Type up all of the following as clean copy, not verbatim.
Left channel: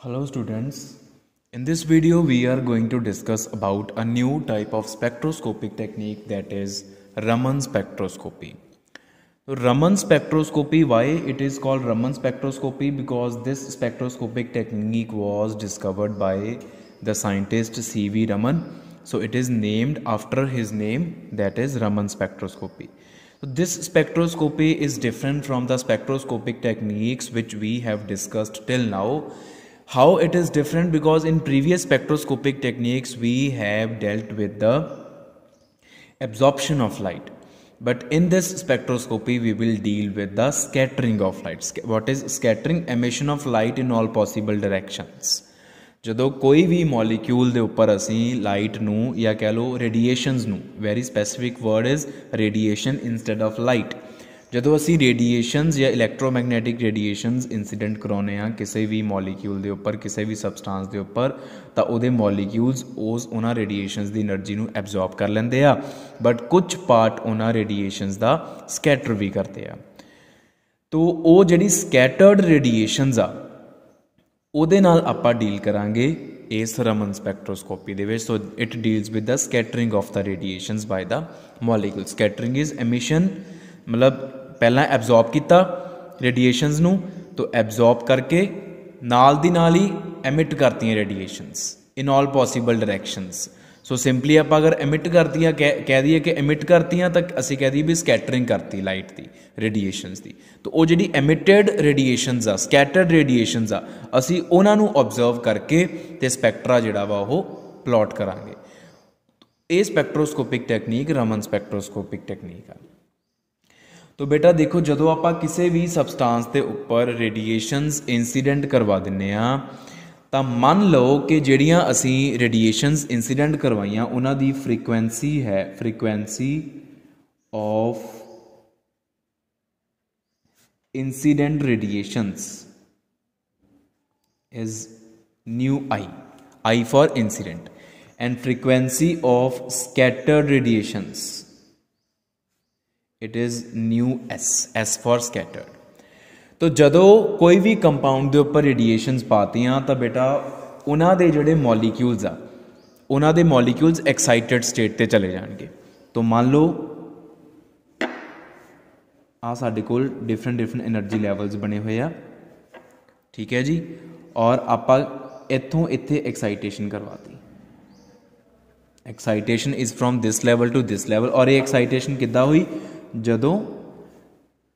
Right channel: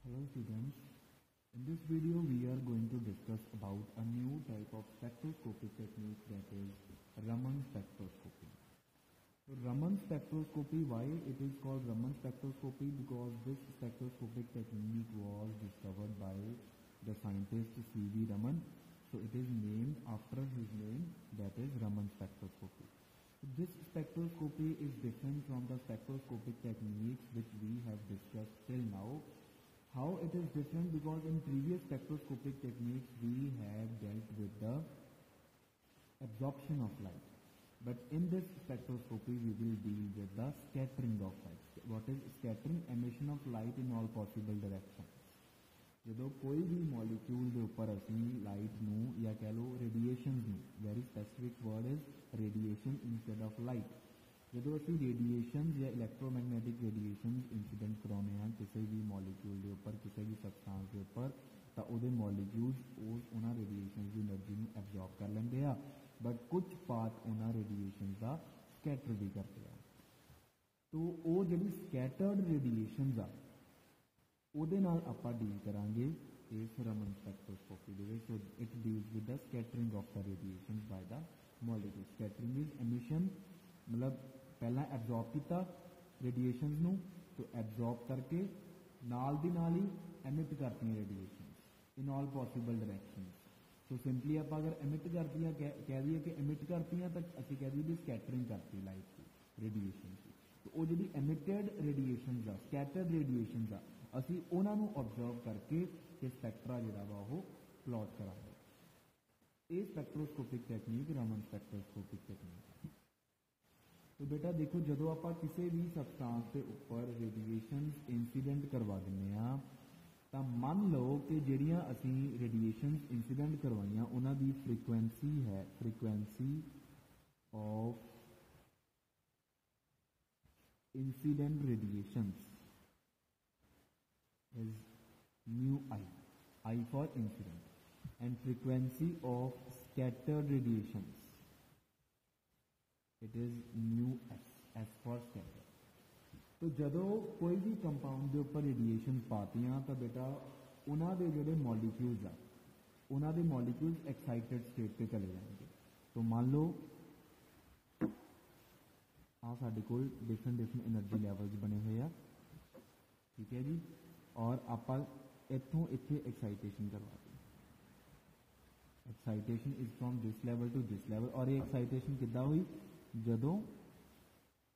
Hello students, in this video we are going to discuss about a new type of spectroscopic technique, that is Raman spectroscopy. So Raman spectroscopy, why it is called Raman spectroscopy? Because this spectroscopic technique was discovered by the scientist C.V. Raman. So it is named after his name, that is Raman spectroscopy. So this spectroscopy is different from the spectroscopic techniques which we have discussed till now. How it is different? Because in previous spectroscopic techniques we have dealt with the absorption of light, but in this spectroscopy we will deal with the scattering of light. What is scattering? Emission of light in all possible directions. ਜਦੋਂ ਕੋਈ ਵੀ molecule ਦੇ ਉੱਪਰ ਅਸੀਂ light ਨੂੰ ਜਾਂ ਕਹਿ ਲਓ radiations ਨੂੰ, very specific word is radiation instead of light, ਜਦੋਂ ਅਸੀਂ ਰੇਡੀਏਸ਼ਨਸ ਜਾਂ ਇਲੈਕਟ੍ਰੋਮੈਗਨੈਟਿਕ ਰੇਡੀਏਸ਼ਨਸ ਇੰਸੀਡੈਂਟ ਕਰਾਉਂਦੇ ਹਾਂ ਕਿਸੇ ਵੀ ਮੋਲੀਕਿਊਲ ਦੇ ਉੱਪਰ, ਕਿਸੇ ਵੀ ਸਬਸਟੈਂਸ ਦੇ ਉੱਪਰ, ਤਾਂ ਉਹਦੇ ਮੋਲੀਕਿਊਲਸ ਉਹਨਾਂ ਰੇਡੀਏਸ਼ਨਸ ਦੀ એનર્ਜੀ ਨੂੰ ਐਬਜ਼ੌਰਬ ਕਰ ਲੈਂਦੇ ਆ, ਬਟ ਕੁਝ ਪਾਰਟ ਉਹਨਾਂ ਰੇਡੀਏਸ਼ਨਸ ਦਾ ਸਕੈਟਰ ਵੀ ਕਰਦੇ ਆ। ਤੋ ਉਹ ਜਿਹੜੀ ਸਕੈਟਰਡ ਰੇਡੀਏਸ਼ਨਸ ਆ ਉਹਦੇ ਨਾਲ ਆਪਾਂ ਡੀਲ ਕਰਾਂਗੇ ਇਸ ਰਮਨ ਸਪੈਕਟ੍ਰੋਸਕੋਪੀ ਦੇ ਵਿੱਚ। So it deals with the scattering of the radiations by the molecule. Scattering is emission, ਮਤਲਬ ਪਹਿਲਾਂ ਐਬਜ਼ੌਰਬ ਕੀਤਾ ਰੇਡੀਏਸ਼ਨਸ ਨੂੰ, ਤਾਂ ਐਬਜ਼ੌਰਬ ਕਰਕੇ ਨਾਲ ਦੀ ਨਾਲ ਹੀ ਐਮਿਟ ਕਰਤੀਆਂ ਰੇਡੀਏਸ਼ਨਸ ਇਨ ਆਲ ਪੋਸੀਬਲ ਡਾਇਰੈਕਸ਼ਨਸ। ਸੋ ਸਿੰਪਲੀ ਆਪਾਂ ਅਗਰ ਐਮਿਟ ਕਰਤੀਆਂ ਕਹਿ ਦਈਏ ਕਿ ਐਮਿਟ ਕਰਤੀਆਂ, ਤਾਂ ਅਸੀਂ ਕਹਿ ਦਈਏ ਵੀ ਸਕੈਟਰਿੰਗ ਕਰਤੀ ਲਾਈਟ ਦੀ, ਰੇਡੀਏਸ਼ਨਸ ਦੀ। ਤਾਂ ਉਹ ਜਿਹੜੀ ਐਮਿਟਡ ਰੇਡੀਏਸ਼ਨਸ ਆ, ਸਕੈਟਰਡ ਰੇਡੀਏਸ਼ਨਸ ਆ, ਅਸੀਂ ਉਹਨਾਂ ਨੂੰ ਓਬਜ਼ਰਵ ਕਰਕੇ ਤੇ ਸਪੈਕਟਰਾ ਜਿਹੜਾ ਵਾ ਉਹ ਪਲਾਟ ਕਰਾਂਗੇ। ਇਹ ਸਪੈਕਟ੍ਰੋਸਕੋਪਿਕ ਟੈਕਨੀਕ ਰਮਨ ਸਪੈਕਟ੍ਰੋਸਕੋਪਿਕ ਟੈਕਨੀਕ ਆ। तो बेटा देखो, जो आप किसी भी सबसटांस के उपर रेडिएशनस इंसीडेंट करवा दिने तो मान लो कि जड़ियाँ असी रेडिएशनस इंसीडेंट करवाइया उन्हों की फ्रीकुएंसी है, frequency of incident radiations is nu I for incident, and frequency of scattered radiations it is nu S for scattered. तो जदों कोई भी कंपाउंड के उपर रेडिएशनस पातियाँ तो बेटा उन्हों के जोड़े मॉलीक्यूल्स आ, उन्हों के मॉलीक्यूल्स एक्साइटेड स्टेट ते चले जाएंगे। तो मान लो आ साडे कोल डिफरेंट एनर्जी लैवल्स बने हुए आ, ठीक है जी, और आपां इत्थों इत्थे एक्साइटेशन करवाती। Excitation is from this level to this level, और ये एक्साइटेशन किद्दां हुई? जदों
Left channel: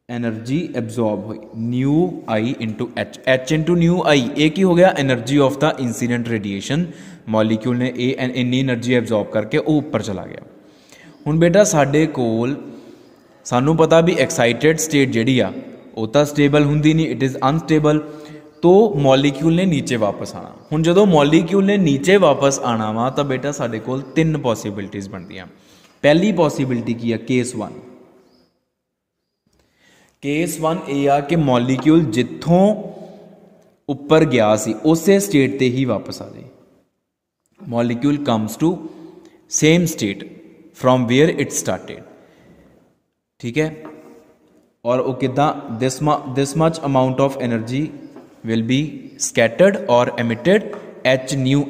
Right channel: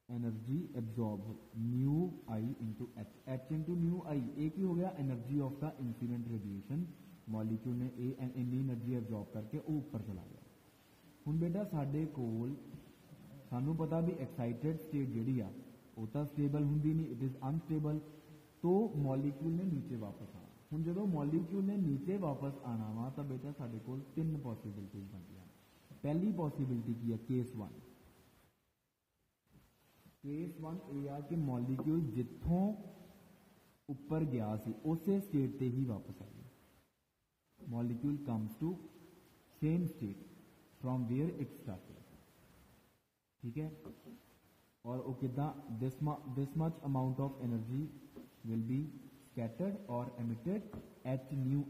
एनर्जी एब्जॉर्ब हुई nu I into H into nu I. ये की हो गया? Energy of the incident radiation. Molecule ने इन्नी एनर्जी एब्जॉर्ब करके वो ऊपर चला गया। हुण बेटा साडे कोल सानू पता भी एक्साइटेड स्टेट जिहड़ी आ वो तो स्टेबल हुंदी नहीं, इट इज़ अनस्टेबल। तो मॉलीक्यूल ने नीचे वापस आना। हुण जदों मॉलीक्यूल ने नीचे वापस आना वा तो बेटा साडे कोल तीन पॉसिबिलिटीज़ बनदियां। पहली पॉसिबिलिटी की है? Case one. केस वन ये आ कि मॉलीक्यूल जिथों उपर गया सी उसे स्टेट ते ही वापस आ जाए। Molecule comes to same state from where it started, ठीक है। और वो कितना? This much amount of energy will be scattered और एमिटेड एच न्यू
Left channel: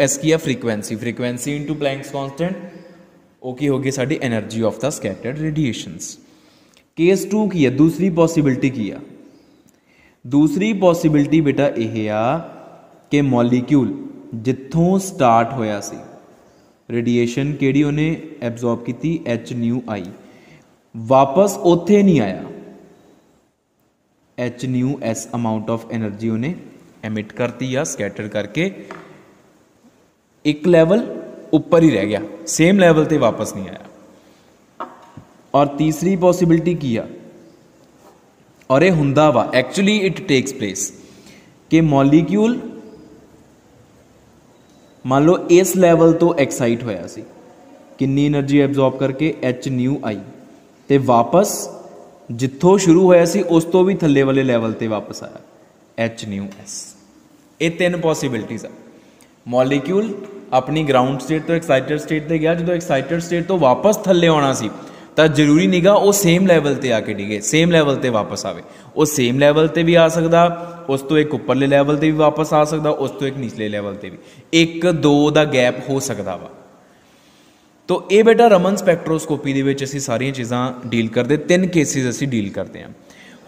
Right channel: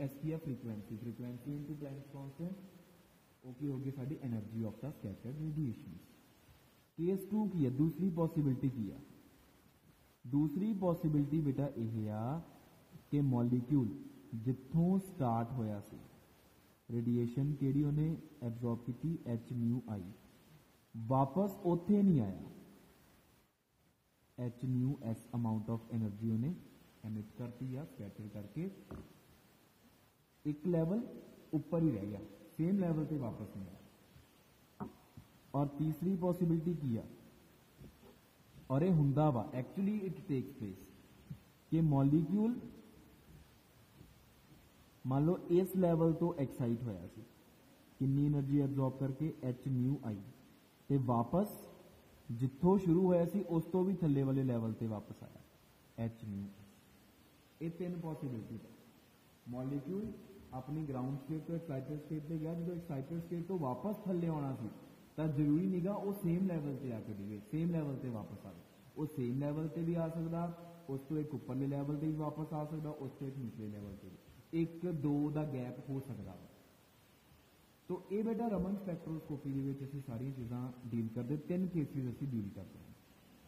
एस की है frequency, frequency into Planck's constant, वो की होगी साडी energy of the scattered radiations. Case two की है? दूसरी पॉसिबिलिटी की है? दूसरी पॉसिबिलिटी बेटा यह आ कि मॉलीक्यूल जिथों स्टार्ट होया सी रेडिएशन केड़ी उन्हें एब्जॉर्ब की एच न्यू आई, वापस उत्थे नहीं आया, H nu S amount of energy उन्हें एमिट करती या स्कैटर करके एक लैवल ऊपर ही रह गया, सेम लैवल ते वापस नहीं आया। और तीसरी पॉसिबिलिटी की आ, और ये हुंदा वा एक्चुअली इट टेक्स प्लेस कि मॉलीक्यूल मान लो इस लैवल तो एक्साइट होया सी, कितनी एनर्जी एब्जॉर्ब करके एच न्यू आई, ते वापस जिथों शुरू होया सी उस तो भी थल्ले वाले लैवल ते वापस आया एच न्यू एस। ये तीन पॉसिबिलिटीज़ आ। मॉलीक्यूल अपनी ग्राउंड स्टेट तो एक्साइटेड स्टेट ते गया, जो एक्साइटेड स्टेट तो वापस थल्ले आना सी तो जरूरी नहीं गा वो सेम लैवल ते आके डिगे, सेम लैवल ते वापस आवे। वो सेम लैवल ते भी आ सकता, उस तो एक उपरले लैवल ते भी वापस आ सकता, उस तो एक निचले लैवल ते भी, एक दो का गैप हो सकता वा। तो ये बेटा रमन स्पैक्ट्रोस्कोपी दे विच असीं सारियां चीज़ां डील करते, 3 केसिस असीं डील करते हैं।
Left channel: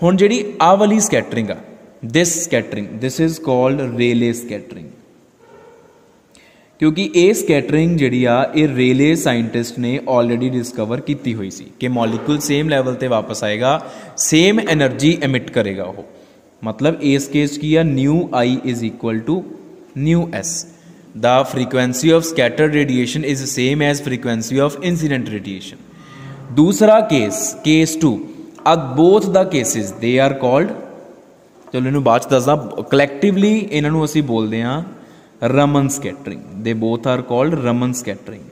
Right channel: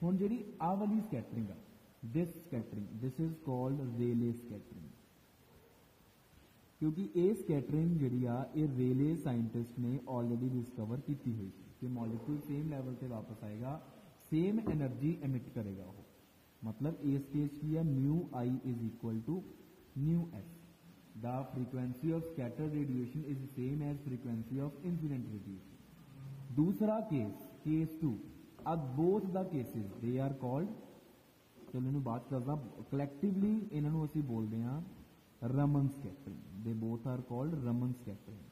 हुण जिहड़ी आह वाली स्कैटरिंग आ, this is called Rayleigh scattering, क्योंकि ये स्कैटरिंग जिहड़ी आ ये रेले साइंटिस्ट ने ऑलरेडी डिस्कवर की हुई सी कि मॉलिक्यूल सेम लैवल ते वापस आएगा, सेम एनर्जी एमिट करेगा वो। मतलब इस केस की आ nu i is equal to nu s. The frequency of scattered radiation is same as frequency of incident radiation. दूसरा case 2, both the cases they are called, चलो इन्हूं बाद दसदा, कलैक्टिवली इन्हों असीं बोलते हैं Raman scattering. They both are called Raman scattering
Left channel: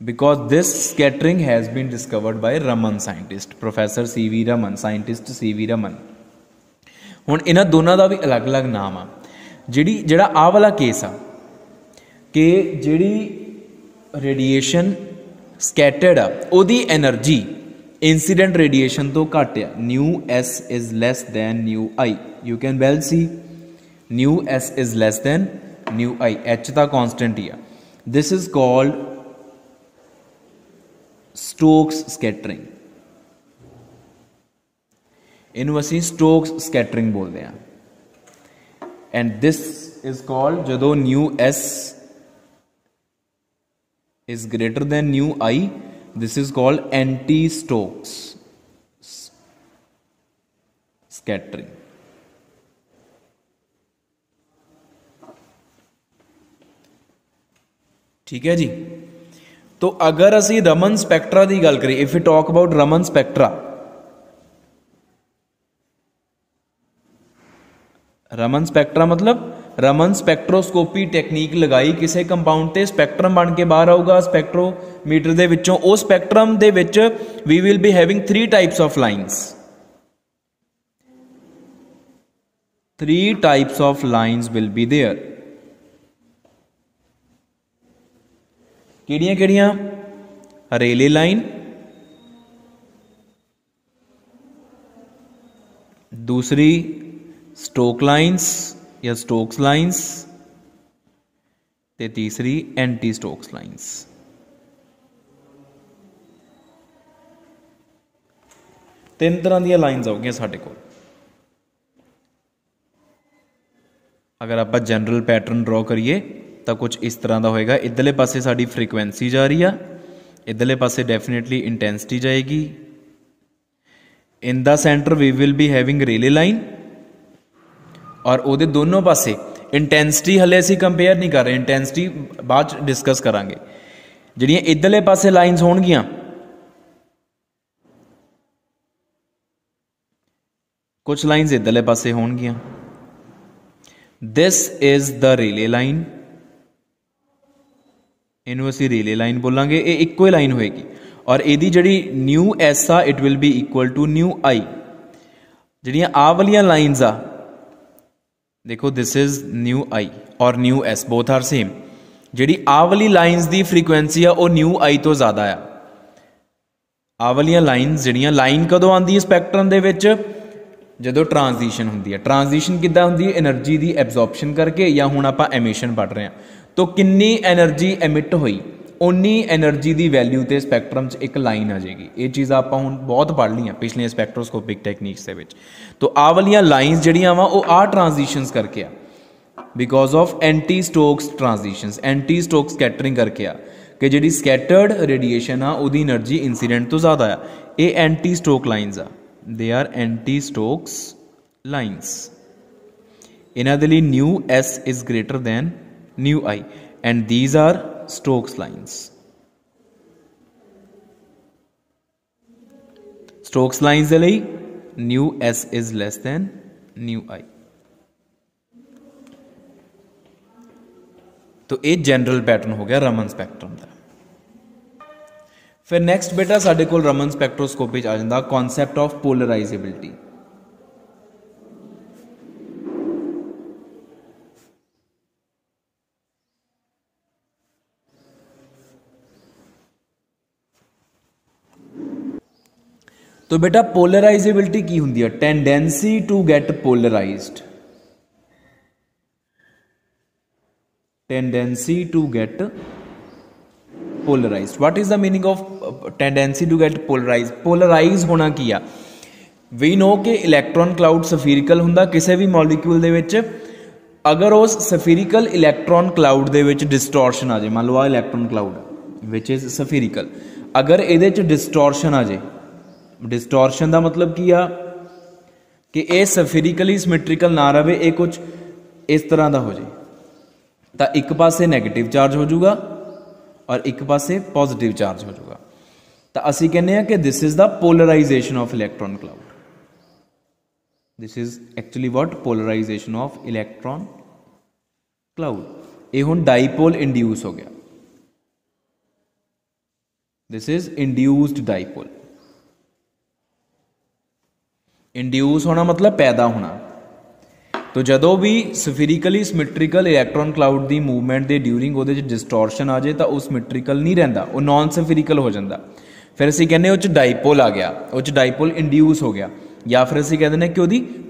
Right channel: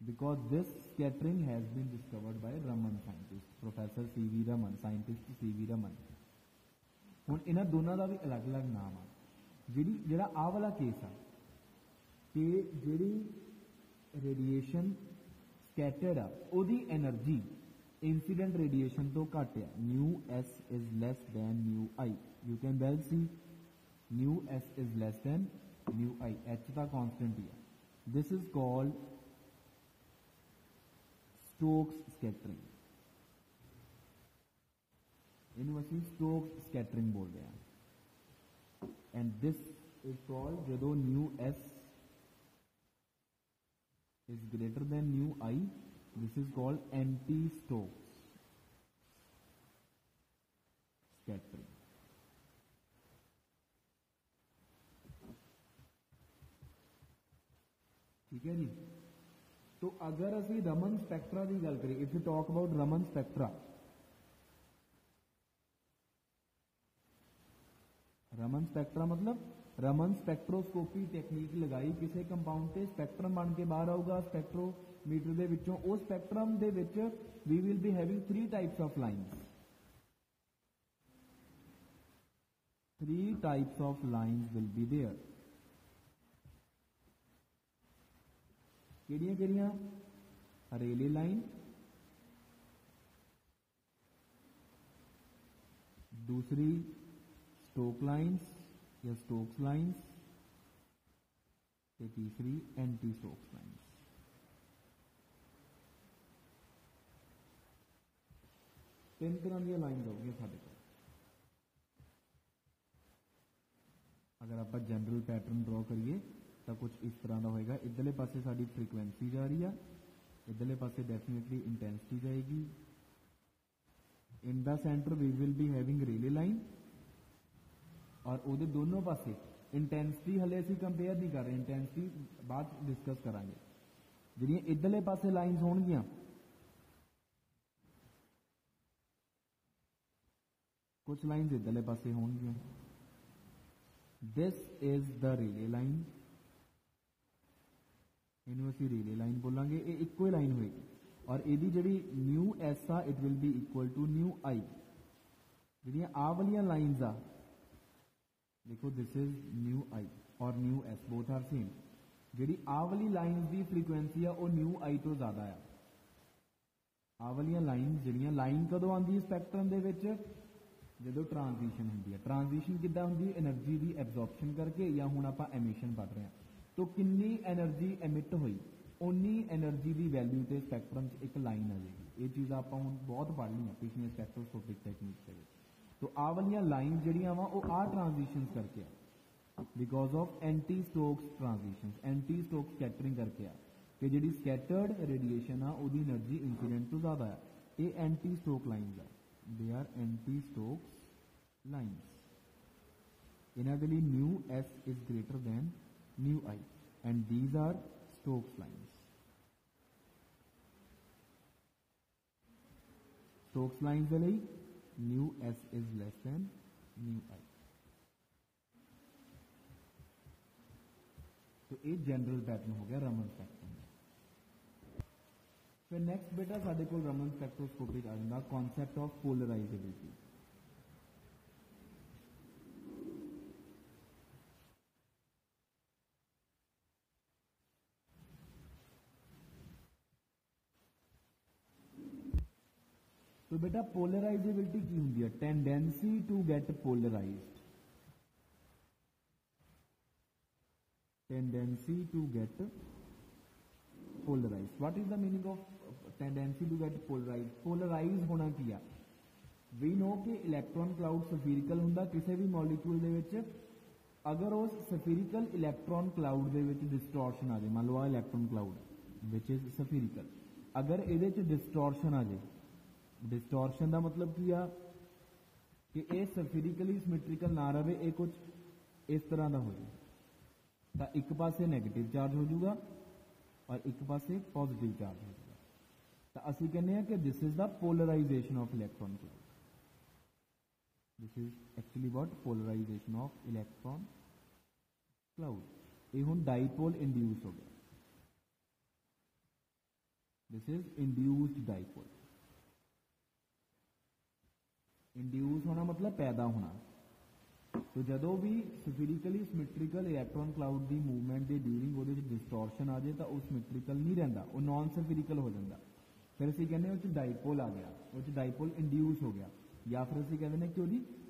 because this scattering has been discovered by Raman scientist, Professor C.V. Raman, scientist C.V. Raman। हुण इन्हां दोनों का भी अलग अलग नाम आ। जिहड़ा आह वाला केस आ कि जिहड़ी रेडिएशन स्कैटर्ड आ उहदी एनर्जी इंसीडेंट रेडिएशन तो घट आ, nu s is less than nu i. You can well see nu s is less than nu i, h का कॉन्सटेंट ही आ। This is called Stokes scattering, इनू असी स्टोक्स स्कैटरिंग बोलते हैं। एंड दिस इज कॉल्ड जदों nu s is greater than nu i, this is called anti Stokes scattering. ठीक है जी। तो अगर असी रमन स्पैक्ट्रा की गल करिए, if you talk about Raman spectra, Raman spectra मतलब रमन स्पैक्ट्रोस्कोपी टेक्नीक लगाई किसी कंपाउंड ते, स्पैक्ट्रम बन के बाहर आऊगा स्पैक्ट्रोमीटर दे विचों। उस स्पैक्ट्रम दे विच we will be having 3 types of lines, 3 types of lines will be there. किहड़ियां किहड़ियां? रेले लाइन, दूसरी स्टोक लाइन्स या स्टोक्स लाइन्स, ते तीसरी एंटी स्टोक्स लाइन्स। तीन तरह दी लाइन्स आउगियां साडे कोल। अगर आप जनरल पैटर्न ड्रॉ करिए तो कुछ इस तरह का होएगा। इधरले पासे साडी फ्रीक्वेंसी जा रही है, इधरले पासे डेफिनेटली इंटेंसिटी जाएगी। In the centre we will be having Rayleigh line, और उहदे दोनों पासे इंटेंसिटी हले असीं कंपेयर नहीं कर रहे, इंटेंसिटी बाद डिस्कस करांगे। जिहड़ियां इधरले पासे लाइन्स होणगियां, कुछ लाइन्स इधरले पासे होणगियां। This is the Rayleigh line, इनू असीं रेले लाइन बोलांगे। ये इक्को ही लाइन होएगी, और इहदी जिहड़ी न्यू एस आ it will be equal to nu i. जिहड़ियां आ वालियां लाइन्स आ, देखो दिस इज न्यू आई और nu S both are same. जिहड़ी आ वाली लाइन्स दी फ्रीक्वेंसी आ वो न्यू आई तो ज़्यादा आ। आ वालियां लाइन्स जिहड़ियां, लाइन कदों आंदी है स्पैक्ट्रम दे विच? जदों ट्रांजिशन हुंदी है। ट्रांजिशन किद्दां हुंदी है? एनर्जी दी एब्जॉर्प्शन करके, या हुण आपां एमिशन पढ़ रहे हैं। तो किन्नी एनर्जी एमिट हुई, उन्नी एनर्जी की वैल्यू तो स्पैक्ट्रम च एक लाइन आ जाएगी। ये चीज़ आप हुण बहुत पढ़ ली पिछलियां स्पैक्ट्रोस्कोपिक टेक्नीक्स के विच। तो आ वालियां लाइन्स जिहड़ियां वा वो आ ट्रांजिशंस करके आ, because of anti Stokes transitions, anti Stoke scattering करके आ, कि जिहड़ी स्कैटर्ड रेडिएशन आ उहदी एनर्जी इंसीडेंट तो ज़्यादा आ। ये एंटी स्टोक लाइन्स आ, they are anti Stokes lines. इन्हां दे लई nu s is greater than nu i, and these are Stokes lines. Stokes lines दे लई nu s is less than nu i. तो ये जनरल पैटर्न हो गया रमन स्पैक्ट्रम का। फिर नैक्सट बेटा साडे कोल रमन स्पैक्ट्रोस्कोपी आ जाता कॉन्सैप्ट ऑफ पोलराइजेबिलिटी। तो बेटा पोलराइजेबिलिटी की हुंदी है? Tendency to get polarised, tendency to get polarised. What is the meaning of tendency to get polarise? Polarise होना की आ? वी नो कि इलैक्ट्रॉन क्लाउड सफीरिकल हुंदा किसी भी मॉलीक्यूल दे विच। अगर उस सफीरिकल इलैक्ट्रॉन क्लाउड दे विच डिस्टॉर्शन आ जाए, मान लो आ इलैक्ट्रॉन क्लाउड विच इज सफीरिकल, अगर ये डिस्टॉर्शन आ जाए, डिस्टॉर्शन का मतलब की आ कि ये सफीरिकली सिमेट्रिकल ना रहे, ये कुछ इस तरह का हो जाए, तो एक पासे नैगेटिव चार्ज हो जाऊगा और एक पासे पॉजिटिव चार्ज हो जाऊगा, तो असी कहने कि this is the polarisation of electron cloud. This is actually what? Polarisation of electron cloud. ये हुण डाईपोल इंड्यूस हो गया, this is induced dipole. Induce होना मतलब पैदा होना। तो जदों भी सफीरिकली सिमेट्रिकल इलैक्ट्रॉन क्लाउड की मूवमेंट के ड्यूरिंग वो डिस्टॉर्शन आ जाए तो वह सिमेट्रिकल नहीं रहिंदा, वो नॉन सफीरिकल हो जाता। फिर असीं कहने उस डाईपोल आ गया, उस डाईपोल इंड्यूस हो गया, या फिर असीं कह दें कि वो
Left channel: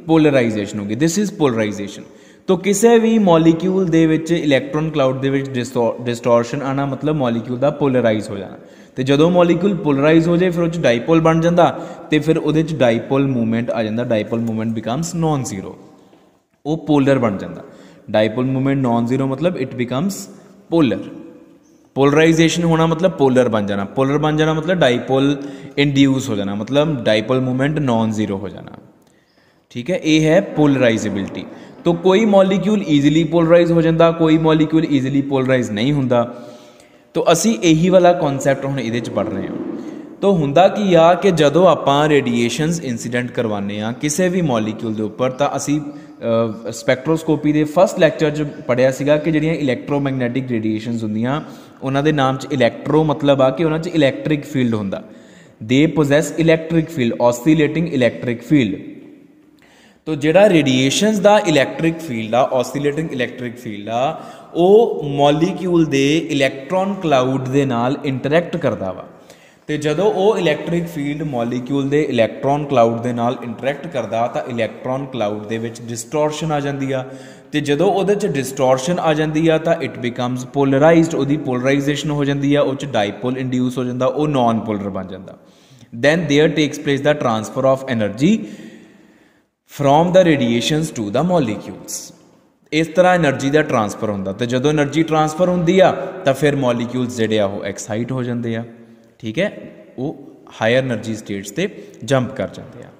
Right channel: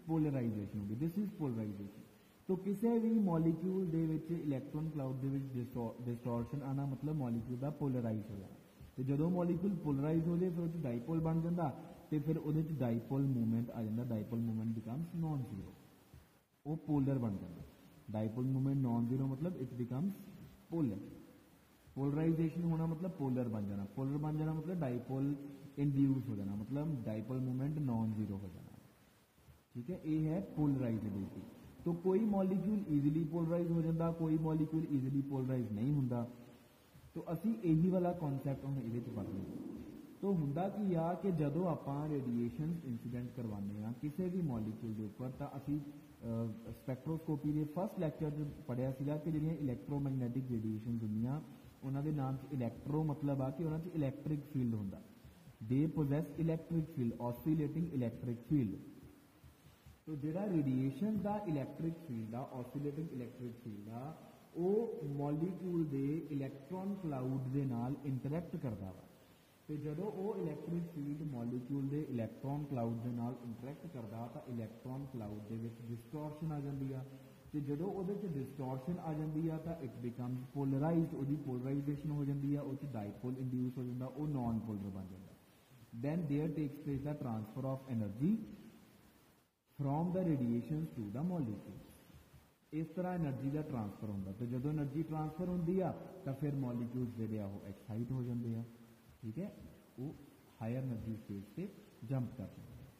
पोलराइजेशन हो गई। This is polarization. तो किसी भी मॉलीक्यूल दे विच इलैक्ट्रॉन क्लाउड दे विच डिस्टॉर्शन आना मतलब मॉलीक्यूल का पोलराइज हो जाना। तो जदों मॉलीक्यूल पोलराइज हो जाए फिर उस डाईपोल बन जाता, तो फिर वो डाईपोल मूवमेंट आ जाता। Dipole movement becomes non zero, वो पोलर बन जाता। डाईपोल मूवमेंट नॉन जीरो मतलब इट बिकम्स पोलर। पोलराइजेशन होना मतलब पोलर बन जाना, पोलर बन जाना मतलब डाईपोल इंड्यूस हो जाना, मतलब डाईपोल मूवमेंट नॉन जीरो हो जाना। ठीक है, ये है पोलराइजेबिलिटी। तो कोई मॉलीक्यूल ईजिली पोलराइज हो जाता, कोई मॉलीक्यूल ईजिली पोलराइज नहीं होंदा। तो असी यही वाला कॉन्सैप्ट हुण इहदे च पढ़ रहे हैं। तो हुंदा की आ कि जदों आपां रेडिएशनस इंसीडेंट करवाने आ किसी भी मॉलीक्यूल के उपर, तो असी स्पैक्ट्रोस्कोपी के फस्ट लैक्चर च पढ़िया सीगा कि जिहड़ियां इलैक्ट्रोमैगनैटिक रेडिएशनस हुंदियां उन्हां दे नाम च इलैक्ट्रो मतलब आ कि उन्हां च इलैक्ट्रिक फील्ड हुंदा। They possess electric field, oscillating electric field. तो जिहड़ा रेडिएशनस दा इलैक्ट्रिक फील्ड आ, ऑसिलेटिंग इलैक्ट्रिक फील्ड आ, वो मॉलीक्यूल दे इलैक्ट्रॉन क्लाउड दे नाल इंटरैक्ट करदा वा। तो जदों वो इलैक्ट्रिक फील्ड मॉलीक्यूल दे इलैक्ट्रॉन क्लाउड दे नाल इंटरैक्ट करदा तो इलैक्ट्रॉन क्लाउड दे विच डिस्टॉर्शन आ जांदी आ। तो जदों उहदे च डिस्टॉर्शन आ जांदी आ तो इट बिकम्स पोलराइज्ड, उहदी पोलराइजेशन हो जांदी आ, उह च डाईपोल इंड्यूस हो जांदा, वो नॉन पोलर बन जांदा। Then there takes place the transfer of energy from the radiations to the molecules. इस तरह एनर्जी का ट्रांसफर होंदा। तो जदों एनर्जी ट्रांसफर होंदी आ तो फिर मॉलीक्यूल्स जिहड़े आ वो एक्साइट हो जाते हैं। ठीक है, वो हायर एनर्जी स्टेट्स ते जंप कर जाते हैं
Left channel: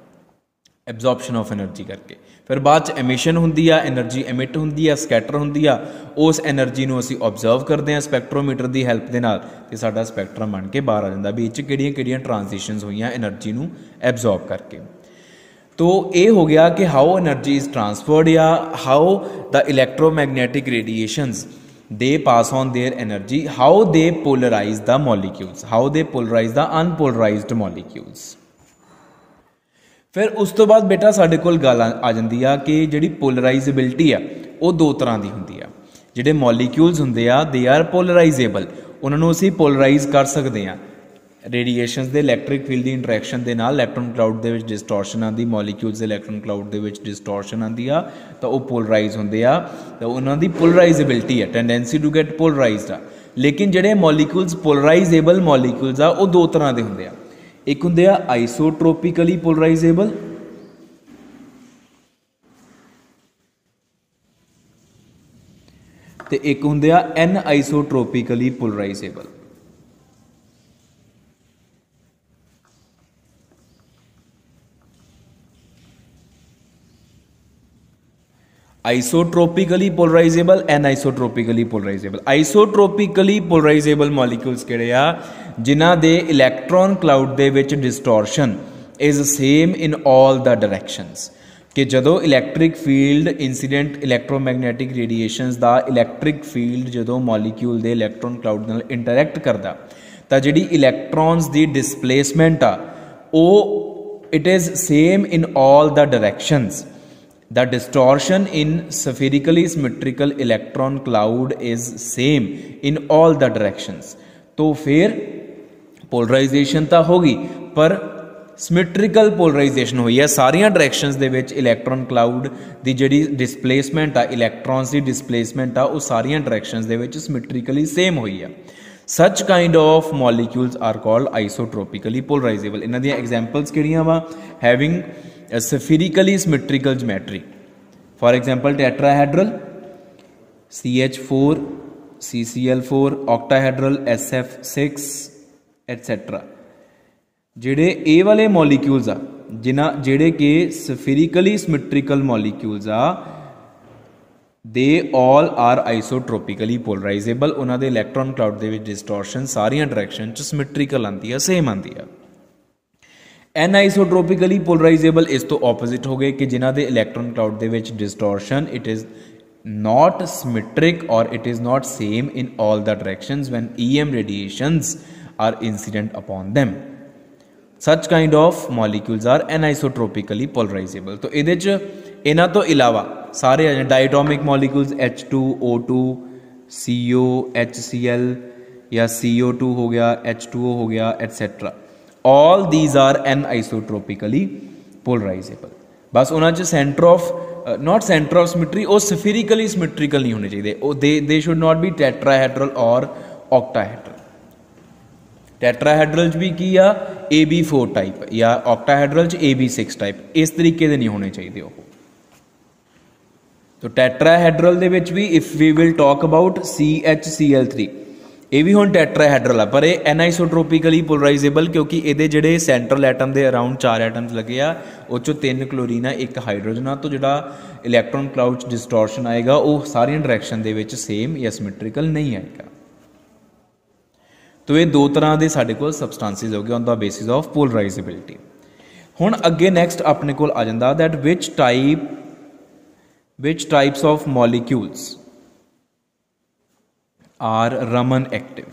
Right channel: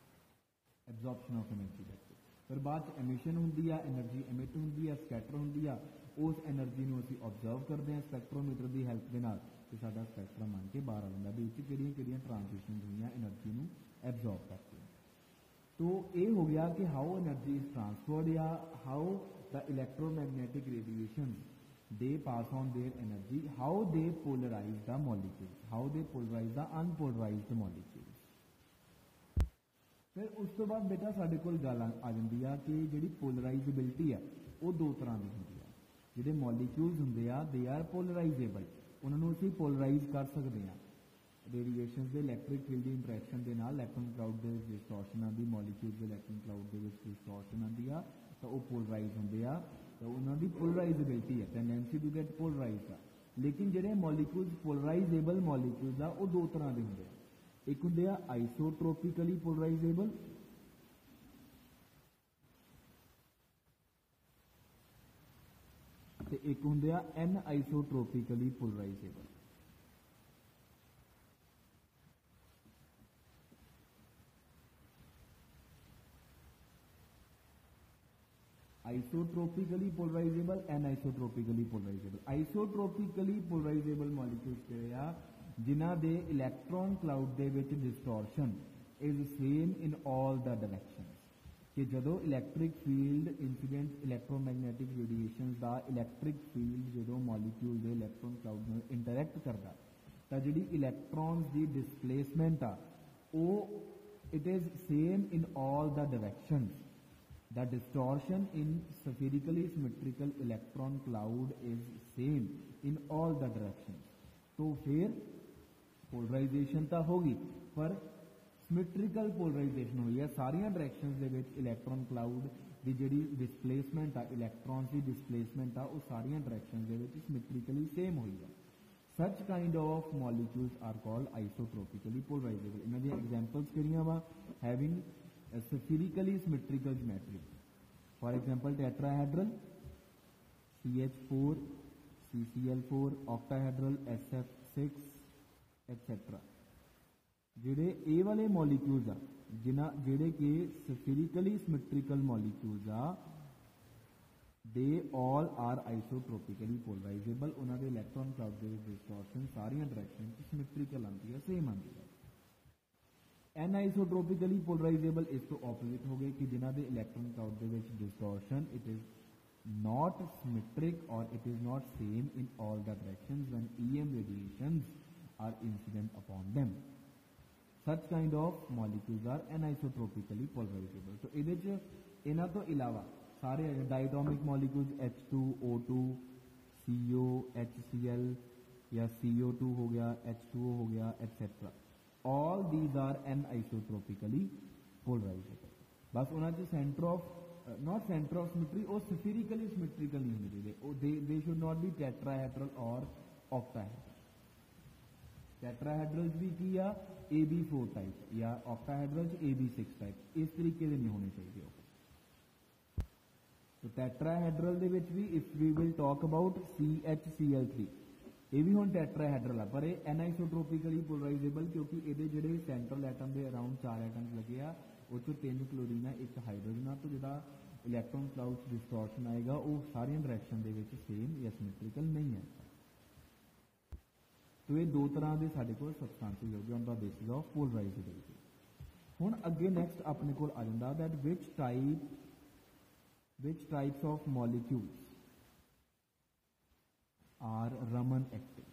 एब्जॉर्प्शन ऑफ एनर्जी करके। फिर बाद एमिशन होंदी आ, एनर्जी एमिट होंदी आ, स्कैटर होंदी आ, उस एनर्जी नूं असीं ऑब्जर्व करते हैं स्पैक्ट्रोमीटर की हैल्प के नाल, ते साडा स्पैक्ट्रम बन के बाहर आ जाता भी इस किहड़ियां ट्रांजिशनस हुई एनर्जी नूं एब्जॉर्ब करके। तो ये हो गया कि हाउ एनर्जी इज ट्रांसफर्ड या how the electromagnetic radiations they pass on their energy, how they polarize the molecules, how they polarize the unpolarized molecules. फिर उस तो बाद बेटा साडे कोल गल आ जाती है कि जिहड़ी पोलराइजेबिलिटी आ वो दो तरह की होंदी आ। जिहड़े मॉलीक्यूल्स हुंदे आ दे आर पोलराइजेबल, उन्होंने असीं पोलराइज कर सकते हैं। रेडिएशनस दे इलैक्ट्रिक फील्ड की इंटरैक्शन के नाल इलैक्ट्रॉन क्लाउड दे विच डिस्टॉर्शन आती, मॉलीक्यूल्स दे इलैक्ट्रॉन क्लाउड दे विच डिस्टॉर्शन आती आ, तो वो पोलराइज होंदे आ, तो उन्हां दी पोलराइजेबिलिटी है, टेंडेंसी टू गेट पोलराइज्ड आ। लेकिन जिहड़े मॉलीक्यूल्स पोलराइजेबल मॉलीक्यूल्स आ वो दो तरह के होंदे आ। एक होंदे आ आइसोट्रोपिकली पोलराइजेबल, ते एक होंदे आ anisotropically polarizable. Isotropically polarizable, anisotropically polarizable. Isotropically polarizable molecules किहड़े आ जिन्हां दे इलैक्ट्रॉन क्लाउड दे विच distortion is same in all the directions. कि जदों electric field incident electromagnetic radiations दा इलैक्ट्रिक फील्ड जदों मॉलीक्यूल दे इलैक्ट्रॉन क्लाउड नाल इंटरैक्ट करदा तां जिहड़ी इलैक्ट्रॉन्स दी डिसप्लेसमेंट आ वो it is same in all the directions. The distortion in spherically symmetrical electron cloud is same in all the directions। तो फिर पोलराइजेशन तो होगी पर ਸਿਮੈਟ੍ਰੀਕਲ ਪੋਲਰਾਈਜੇਸ਼ਨ ਹੋਈ ਹੈ, ਸਾਰੀਆਂ ਡਾਇਰੈਕਸ਼ਨਸ ਦੇ ਵਿੱਚ ਇਲੈਕਟ੍ਰੋਨ ਕਲਾਊਡ ਦੀ ਜਿਹੜੀ ਡਿਸਪਲੇਸਮੈਂਟ ਆ, ਇਲੈਕਟ੍ਰॉन्स ਦੀ ਡਿਸਪਲੇਸਮੈਂਟ ਆ, ਉਹ ਸਾਰੀਆਂ ਡਾਇਰੈਕਸ਼ਨਸ ਦੇ ਵਿੱਚ ਸਿਮੈਟ੍ਰੀਕਲੀ ਸੇਮ ਹੋਈ ਆ। Such kind of molecules are called isotropically polarizable. ਇਹਨਾਂ ਦੀਆਂ ਐਗਜ਼ਾਮਪਲਸ ਕਿਹੜੀਆਂ ਵਾ? Having spherically symmetrical geometry, for example tetrahedral CH4 CCl4, octahedral SF6 et cetera. ਜਿਹੜੇ ਇਹ ਵਾਲੇ ਮੋਲੀਕਿਊਲਸ ਆ ਜਿਹੜੇ ਕਿ ਸਫੀਰਿਕਲੀ ਸਿਮੈਟ੍ਰੀਕਲ ਮੋਲੀਕਿਊਲਸ ਆ, ਦੇ ਆਲ ਆਰ ਆਈਸੋਟ੍ਰੋਪਿਕਲੀ ਪੋਲਰਾਈਜ਼ੇਬਲ। ਉਹਨਾਂ ਦੇ ਇਲੈਕਟ੍ਰੋਨ ਕਲਾਊਡ ਦੇ ਵਿੱਚ ਡਿਸਟੋਰਸ਼ਨ ਸਾਰੀਆਂ ਡਾਇਰੈਕਸ਼ਨ 'ਚ ਸਿਮੈਟ੍ਰੀਕਲ ਆਉਂਦੀ ਆ, ਸੇਮ ਆਉਂਦੀ ਆ। ਐਨਆਈਸੋਟ੍ਰੋਪਿਕਲੀ ਪੋਲਰਾਈਜ਼ੇਬਲ ਇਸ ਤੋਂ ਆਪੋਜ਼ਿਟ ਹੋ ਗਏ ਕਿ ਜਿਨ੍ਹਾਂ ਦੇ ਇਲੈਕਟ੍ਰੋਨ ਕਲਾਊਡ ਦੇ ਵਿੱਚ distortion it is not symmetric or it is not same in all the directions when EM radiations are incident upon them. Such kind of molecules are anisotropically polarizable. तो ਇਹਦੇ ਚ ਇਹਨਾਂ ਤੋਂ ਇਲਾਵਾ ਸਾਰੇ ਆ ਡਾਇਟੋਮਿਕ ਮੋਲੀਕਿਊਲਸ H2O2 CO HCl या CO2 हो गया, H2O हो गया etcetera, all these are anisotropically polarizable। बस ਉਹਨਾਂ ਚ centre of not centre of symmetry, वो सफीरिकली सिमेट्रिकल नहीं होने चाहिए, they should not be tetrahedral और ऑक्टाहेड्रल। टेट्राहेड्रल भी की आ AB4 टाइप या ऑक्टाहेड्रल AB6 टाइप, इस तरीके के नहीं होने चाहिए। तो टेट्राहेड्रल दे विच भी if we will talk about CHCl3, ये भी हुण टैट्राहेड्रल आ, पर यह एनाइसोट्रोपिकली पोलराइजेबल क्योंकि ये जोड़े सेंट्रल एटम के अराउंड 4 एटम्स लगे आ, उस 3 क्लोरीन है, 1 हाइड्रोजन आ। तो जो इलैक्ट्रॉन क्लाउड डिस्टोरशन आएगा वो सारिया डायरैक्शन दे विच सेम या सिमेट्रिकल नहीं आएगा। तो ये दो तरह के साडे कोल सबसटांसिस हो गए on the basis of polarizability. हुण अगे नैक्सट अपने कोल आ जांदा that which types of molecules are Raman active।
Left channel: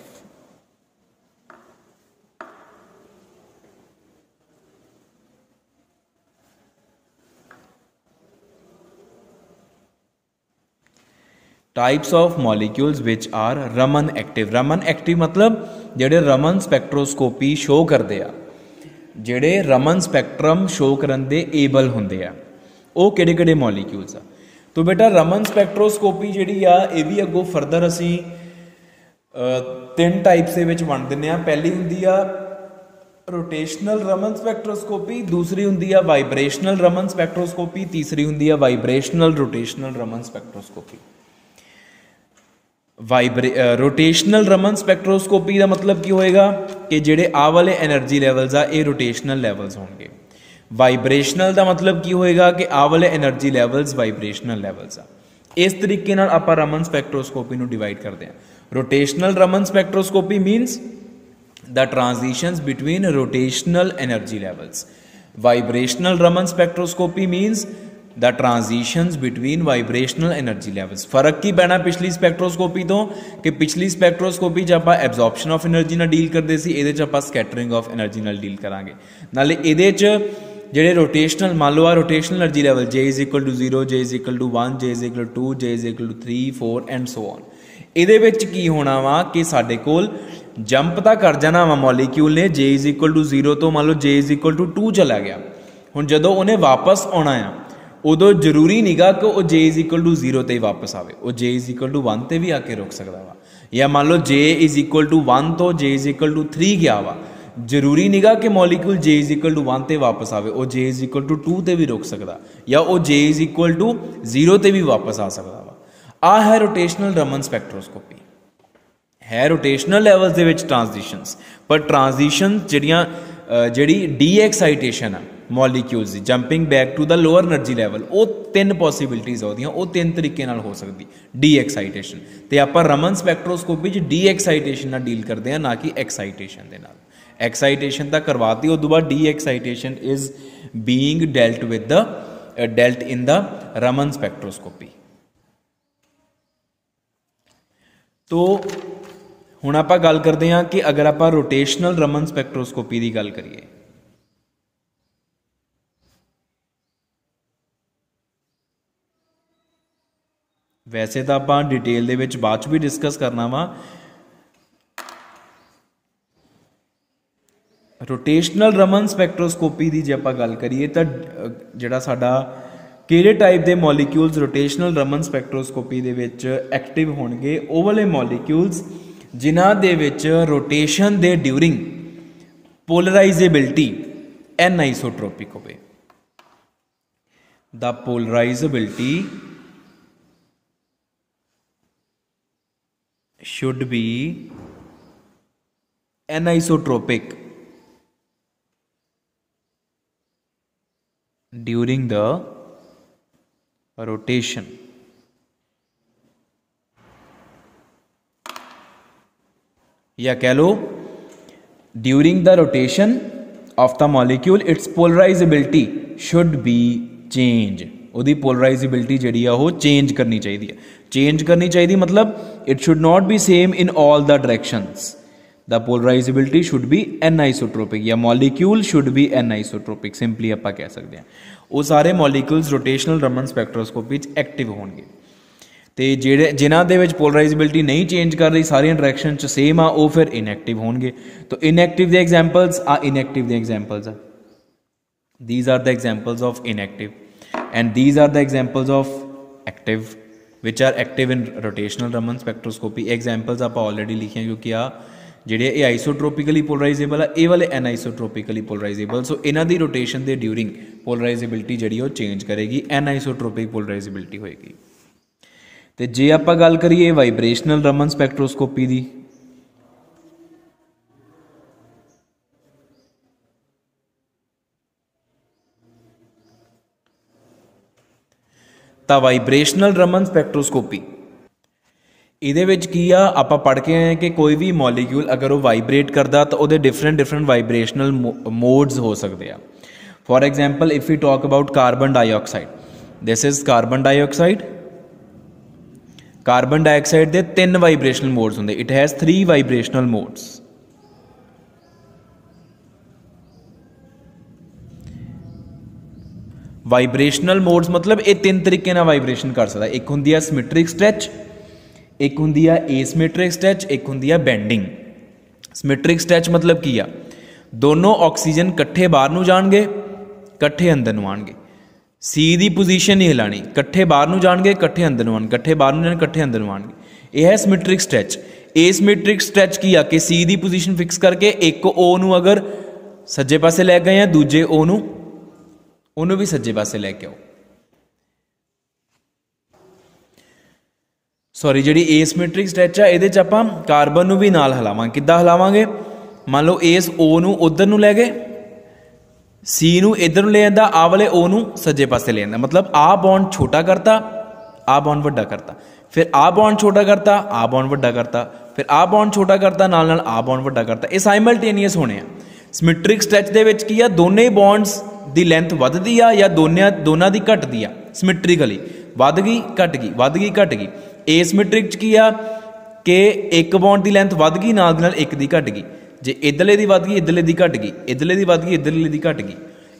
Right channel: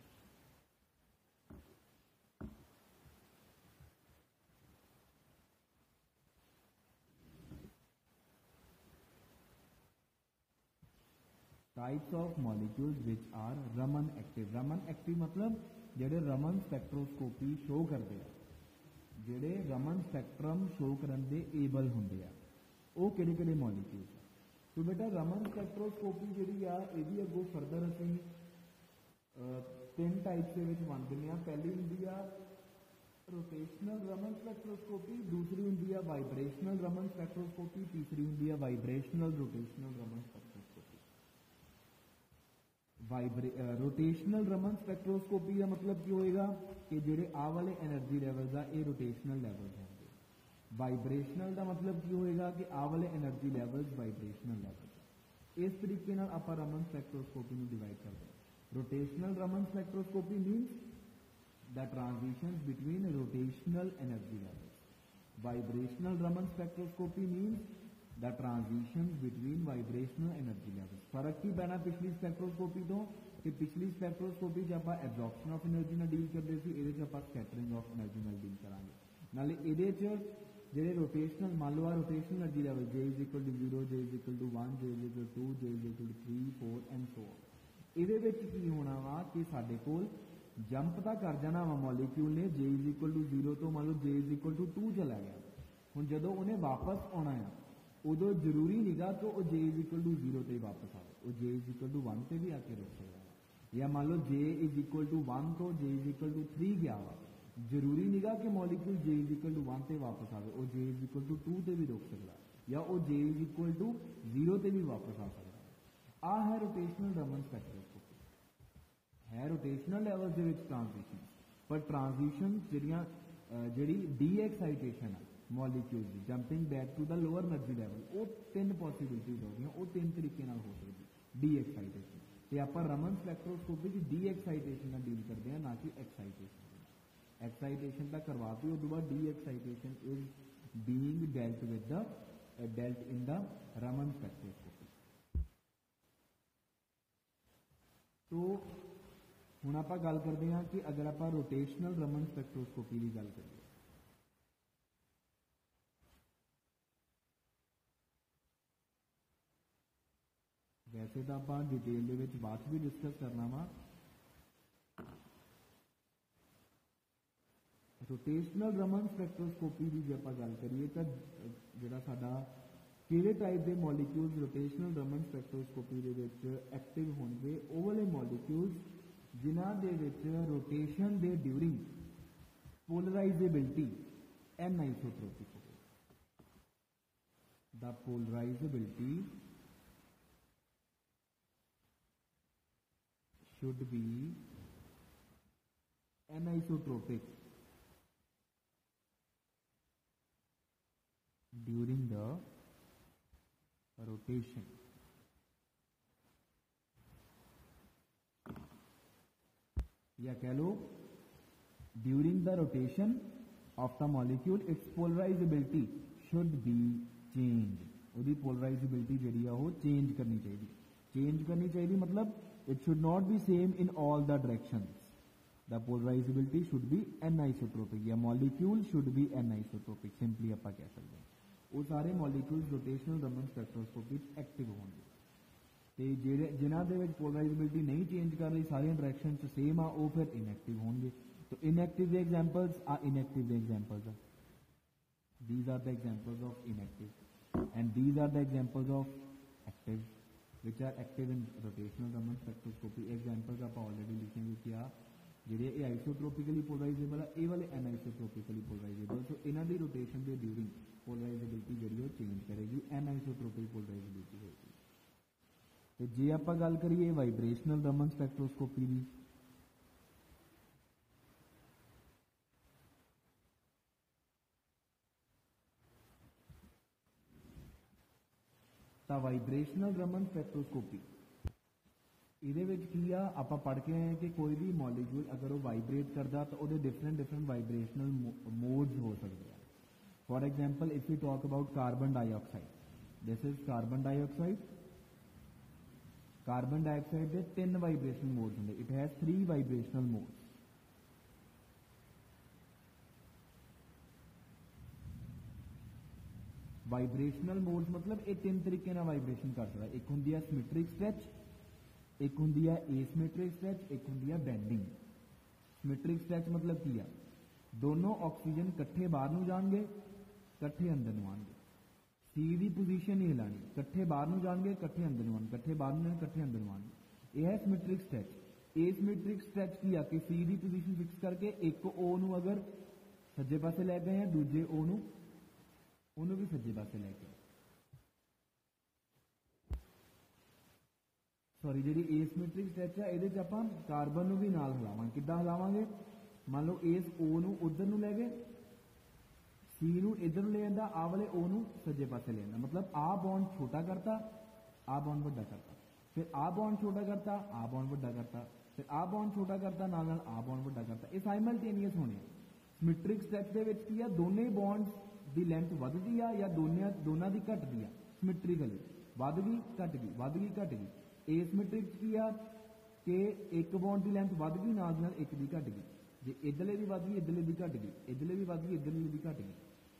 Types of molecules which are Raman active. Raman active मतलब जेडे रमन स्पैक्ट्रोस्कोपी शो करते आ, जेडे रमन स्पैक्ट्रम शो करन दे एबल हुंदे आ, वो किहड़े-किहड़े मॉलिक्यूल्स आ। तो बेटा रमन स्पैक्ट्रोस्कोपी जिहड़ी आ ये भी अगों फरदर असीं 3 टाइप्स के विच वंड दिंदे आ। पहली हुंदी आ रोटेशनल रमन स्पैक्ट्रोस्कोपी, दूसरी हुंदी आ वाइब्रेशनल रमन स्पैक्ट्रोस्कोपी, तीसरी हुंदी आ vibrational rotational Raman spectroscopy. Rotational Raman spectroscopy का मतलब की होएगा कि जिहड़े आ वाले एनर्जी लैवल्स आ ये रोटेशनल लैवल्स होंगे। वाइब्रेशनल का मतलब की होएगा कि आ वाले एनर्जी लैवल्स वाइब्रेशनल लैवल्स आ। इस तरीके नाल आपां रमन स्पैक्ट्रोस्कोपी नूं डिवाइड करते हैं। Rotational Raman spectroscopy means the transitions between rotational energy levels. Vibrational Raman spectroscopy means the transitions between vibrational energy levels. फर्क की पैना पिछली स्पैक्ट्रोस्कोपी तो कि पिछली स्पैक्ट्रोस्कोपी च आपां एब्जॉर्प्शन ऑफ एनर्जी नाल डील करते सी, इहदे च आपां स्कैटरिंग ऑफ एनर्जी नाल डील करांगे। नाले इहदे च ਜਿਹੜੇ रोटेशनल मान लो आ rotational energy level J is equal to 0, J is equal to 1, J is equal to 2, J is equal to 3, 4 and so on. ਇਹਦੇ ਵਿੱਚ ਕੀ ਹੋਣਾ ਵਾ ਕਿ ਸਾਡੇ ਕੋਲ ਜੰਪ ਤਾਂ ਕਰ ਜਾਣਾ ਵਾ ਮੋਲੀਕਿਊਲ ਨੇ, J इज इक्वल टू 0 ਤੋਂ ਮੰਨ ਲਓ J इज इक्वल टू 2 ਚਲਾ ਗਿਆ। ਹੁਣ ਜਦੋਂ ਉਹਨੇ ਵਾਪਸ ਆਉਣਾ ਆ ਉਦੋਂ ਜ਼ਰੂਰੀ ਨਹੀਂਗਾ ਕਿ ਉਹ J इज इक्वल टू 0 ਤੇ ਹੀ ਵਾਪਸ ਆਵੇ, ਉਹ J इज इक्वल टू 1 ਤੇ ਵੀ ਆ ਕੇ ਰੁਕ ਸਕਦਾ ਵਾ। ਜਾਂ ਮੰਨ ਲਓ J इज इक्वल टू 1 ਤੋਂ J इज इक्वल टू 3 ਗਿਆ ਵਾ, ਜ਼ਰੂਰੀ ਨਹੀਂਗਾ ਕਿ molecule J is equal to 1 ਤੇ ਵਾਪਸ ਆਵੇ, ਉਹ J इज इक्वल टू 2 ਤੇ ਵੀ ਰੁਕ ਸਕਦਾ, ਜਾਂ ਉਹ J इज इक्वल टू 0 ਤੇ ਵੀ ਵਾਪਸ ਆ ਸਕਦਾ ਵਾ। ਆ ਹੈ रोटेशनल रमन स्पैक्ट्रोस्कोपी। है रोटेशनल लैवल्स दे विच ट्रांजिशंस, पर ट्रांजिशन जिहड़ी डी एक्साइटेशन है मॉलिक्यूल्स दी jumping back to the lower energy level, वो 3 पॉसिबिलिटीज़ होदियां, वो 3 तरीके नाल हो सकदी डी एक्साइटेशन। तो आपां रमन स्पैक्ट्रोस्कोपी च डी एक्साइटेशन नाल डील करते हैं, ना कि एक्साइटेशन दे नाल। एक्साइटेशन तां करवाती, उस तो बाद the excitation is being dealt in the Raman spectroscopy. तो हुण आपां गल करते हैं कि अगर आपां रोटेशनल रमन स्पैक्ट्रोस्कोपी की गल करिए, वैसे तो आपां डिटेल दे विच बाद च भी डिस्कस करना वा। रोटेशनल रमन स्पैक्ट्रोस्कोपी की जे आपां गल करिए तो जिहड़ा साडा किहड़े टाइप के मॉलीक्यूल्स रोटेशनल रमन स्पैक्ट्रोस्कोपी दे विच एक्टिव होणगे, ਉਹ वाले मॉलीक्यूल्स जिन्हां दे विच रोटेशन दे ड्यूरिंग पोलराइजेबिलिटी एनाइसोट्रोपिक होवे। The polarisability should be anisotropic during the rotation या कह लो during the rotation of the molecule its polarizability should be change। ਉਹਦੀ पोलराइजेबिलिटी ਜਿਹੜੀ ਆ ਉਹ चेंज करनी चाहिए है। चेंज करनी चाहिए मतलब it should not be same in all the directions। the polarizability should be anisotropic या molecule should be anisotropic simply ਆਪਾਂ ਕਹਿ ਸਕਦੇ ਹਾਂ। ਉਹ ਸਾਰੇ molecules rotational Raman spectroscopy ਚ एक्टिव होणगे ਤੇ ਜਿਹੜੇ ਜਿਨ੍ਹਾਂ ਦੇ ਵਿੱਚ पोलराइजेबिलिटी नहीं चेंज कर रही सारियां डायरैक्शन ਚ सेम आ ਉਹ ਫਿਰ इनएक्टिव होणगे। तो इनएक्टिव ਦੇ एग्जांपल्स आ इनएक्टिव ਦੇ एग्जांपल्स आ these are the examples of inactive and these are the examples of active which are active in rotational Raman spectroscopy। Examples आप ऑलरेडी लिखे क्योंकि आ ਜਿਹੜੇ ਇਹ ਆਈਸੋਟ੍ਰੋਪਿਕਲੀ पोलराइजेबल आ ਇਹ वाले एनाइसोट्रोपिकली पोलराइजेबल। सो ਇਹਨਾਂ ਦੀ रोटेशन ਦੇ ड्यूरिंग पोलराइजेबिलिटी ਜਿਹੜੀ ਉਹ चेंज करेगी एनाइसोट्रोपिक पोलराइजेबिलिटी होएगी। ਤੇ ਜੇ ਆਪਾਂ ਗੱਲ ਕਰੀਏ ਵਾਈਬ੍ਰੇਸ਼ਨਲ ਰਮਨ ਸਪੈਕਟ੍ਰੋਸਕੋਪੀ ਦੀ ਤਾਂ ਵਾਈਬ੍ਰੇਸ਼ਨਲ ਰਮਨ ਸਪੈਕਟ੍ਰੋਸਕੋਪੀ ਇਹਦੇ ਵਿੱਚ ਕੀ ਆ ਆਪਾਂ ਪੜ੍ਹ ਕੇ ਆਏ ਕਿ ਕੋਈ ਵੀ ਮੋਲੀਕਿਊਲ ਅਗਰ ਉਹ ਵਾਈਬ੍ਰੇਟ ਕਰਦਾ ਤਾਂ ਉਹਦੇ ਡਿਫਰੈਂਟ ਵਾਈਬ੍ਰੇਸ਼ਨਲ ਮੋਡਸ ਹੋ ਸਕਦੇ ਆ। For example if we talk about carbon dioxide, this is carbon dioxide. Carbon dioxide ਦੇ 3 ਵਾਈਬ੍ਰੇਸ਼ਨਲ ਮੋਡਸ ਹੁੰਦੇ। It has 3 vibrational modes. Vibrational modes मतलब ਇਹ 3 ਤਰੀਕੇ ਨਾਲ ਵਾਈਬ੍ਰੇਸ਼ਨ ਕਰ ਸਕਦਾ। ਇੱਕ ਹੁੰਦੀ ਆ ਸਿਮੈਟ੍ਰਿਕ ਸਟ੍ਰੈਚ, ਇੱਕ ਹੁੰਦੀ ਆ ਏਸਿਮੈਟ੍ਰਿਕ ਸਟ੍ਰੈਚ, ਇੱਕ ਹੁੰਦੀ ਆ ਬੈਂਡਿੰਗ। ਸਿਮੈਟ੍ਰਿਕ ਸਟ੍ਰੈਚ मतलब ਕੀ ਆ ਦੋਨੋਂ ਆਕਸੀਜਨ ਇਕੱਠੇ ਬਾਹਰ ਨੂੰ ਜਾਣਗੇ ਇਕੱਠੇ ਅੰਦਰ ਨੂੰ ਆਣਗੇ। सी ਦੀ ਪੋਜੀਸ਼ਨ ਨਹੀਂ ਹਿਲਾਣੀ, ਇਕੱਠੇ ਬਾਹਰ ਨੂੰ ਜਾਣਗੇ ਇਕੱਠੇ ਅੰਦਰ ਨੂੰ ਆਣ, ਇਕੱਠੇ ਬਾਹਰ ਨੂੰ ਜਾਣ ਇਕੱਠੇ ਅੰਦਰ ਨੂੰ ਆਣਗੇ। ਇਹ ਹੈ ਸਿਮੈਟ੍ਰਿਕ ਸਟ੍ਰੈਚ। ਏਸਿਮੈਟ੍ਰਿਕ ਸਟ੍ਰੈਚ ਕੀ ਆ ਕਿ ਸੀ ਦੀ ਪੋਜੀਸ਼ਨ ਫਿਕਸ ਕਰਕੇ ਇੱਕ O ਨੂੰ ਅਗਰ ਸੱਜੇ ਪਾਸੇ ਲੈ ਗਏ ਆ ਦੂਜੇ O ਨੂੰ ਉਹਨੂੰ ਵੀ ਸੱਜੇ ਪਾਸੇ ਲੈ ਕੇ ਆਓ। ਸੌਰੀ ਜਿਹੜੀ ਏਸਿਮੈਟ੍ਰਿਕ ਸਟ੍ਰੈਚ ਆ ਇਹਦੇ 'ਚ ਆਪਾਂ ਕਾਰਬਨ ਨੂੰ ਵੀ ਨਾਲ ਹਿਲਾਵਾਂਗੇ। ਕਿੱਦਾਂ ਹਿਲਾਵਾਂਗੇ? ਮੰਨ ਲਓ ਇਸ O ਨੂੰ ਉੱਧਰ ਨੂੰ ਲੈ ਗਏ, सी ਨੂੰ ਇੱਧਰ ਨੂੰ ਲੈ ਜਾਂਦਾ, ਆ ਵਾਲੇ O ਨੂੰ ਸੱਜੇ ਪਾਸੇ ਲੈ ਜਾਂਦਾ। मतलब ਆ ਬੌਂਡ ਛੋਟਾ ਕਰਤਾ, ਆ ਬੌਂਡ ਵੱਡਾ ਕਰਤਾ, ਫਿਰ ਆ ਬੌਂਡ ਛੋਟਾ ਕਰਤਾ, ਆ ਬੌਂਡ ਵੱਡਾ ਕਰਤਾ, ਫਿਰ ਆ ਬੌਂਡ ਛੋਟਾ ਕਰਤਾ, ਨਾਲ ਨਾਲ ਆ ਬੌਂਡ ਵੱਡਾ ਕਰਤਾ। ਇਹ ਸਾਈਮਲਟੇਨੀਅਸ ਹੋਣੇ ਆ। ਸਿਮੈਟ੍ਰਿਕ ਸਟ੍ਰੈਚ ਦੇ ਵਿੱਚ ਕੀ ਆ ਦੋਨੇ ਬੌਂਡਸ ਦੀ ਲੈਂਥ ਵੱਧਦੀ ਆ ਜਾਂ ਦੋਨਾਂ ਦੀ ਘਟਦੀ ਆ। ਸਿਮੈਟ੍ਰਿਕਲੀ ਵੱਧ ਗਈ ਘਟ ਗਈ, ਵੱਧ ਗਈ ਘਟ ਗਈ। ਏਸਿਮੈਟ੍ਰਿਕ 'ਚ ਕੀ ਆ ਕਿ ਇੱਕ ਬੌਂਡ ਦੀ ਲੈਂਥ ਵੱਧ ਗਈ ਨਾਲ ਦੀ ਨਾਲ ਇੱਕ ਦੀ ਘਟ ਗਈ। ਜੇ ਇੱਧਰਲੇ ਦੀ ਵੱਧ ਗਈ ਇੱਧਰਲੇ ਦੀ ਘਟ ਗਈ, ਇੱਧਰਲੇ ਦੀ ਵੱਧ ਗਈ ਇੱਧਰਲੇ ਦੀ ਘਟ ਗਈ।